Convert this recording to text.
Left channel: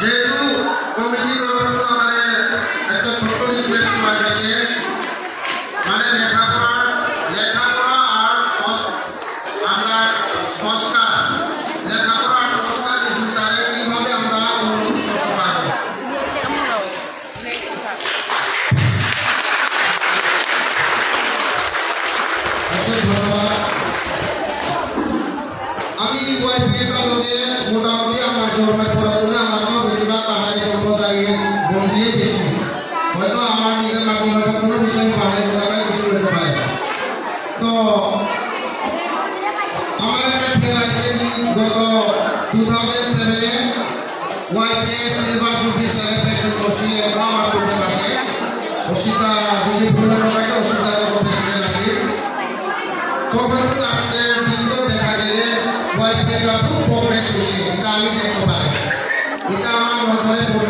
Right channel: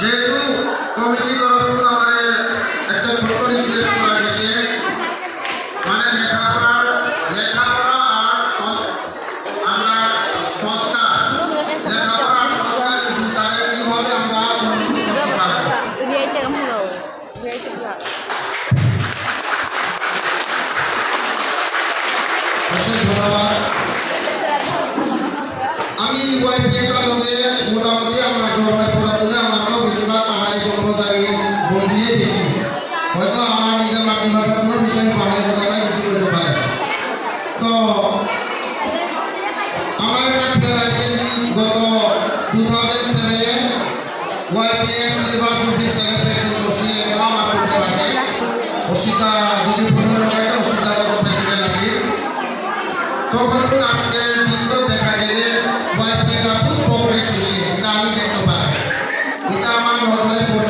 যেহেতু কমিটি তরফ আমাদের একটা ছোট রিকোয়েস্ট করা গেছে, মানে লেখাপড়া আর আমরা সংস্কার, লেখাপড়া আর সংস্কার এই দুটারে কিভাবে আমরা উন্নতি করতে পারবো। ধন্যবাদ। আমি ওয়াইফাইটার মধ্যে মোটামুটি আমার জন্মের পর থেকে আমার তো বেশিরভাগ পাহাড়ি সম্প্রদায়ের বন্ধুই বেশি, হয়তো আমার নিজের মাতৃভাষার কোনো বিষয় পাহাড়ি কথাটাই বেশি করতে পারে। তো আমার একটা খেয়াল আছে, গত 2007-এ ওয়াইফাই সিলভার জুবলি সেলিব্রেশন করছি, এটা আমার চোখে আসে। অসিতা যদি ভুল লাগে অসিতার প্রেসিডেন্ট আছে, তখন আজকে কিন্তু দেখা গেলে ওয়াইফাইটা খুব প্রোগ্রেস হয়েছে, এটা আমি দেখতে পাই, এটা আমার নজরে পড়ে।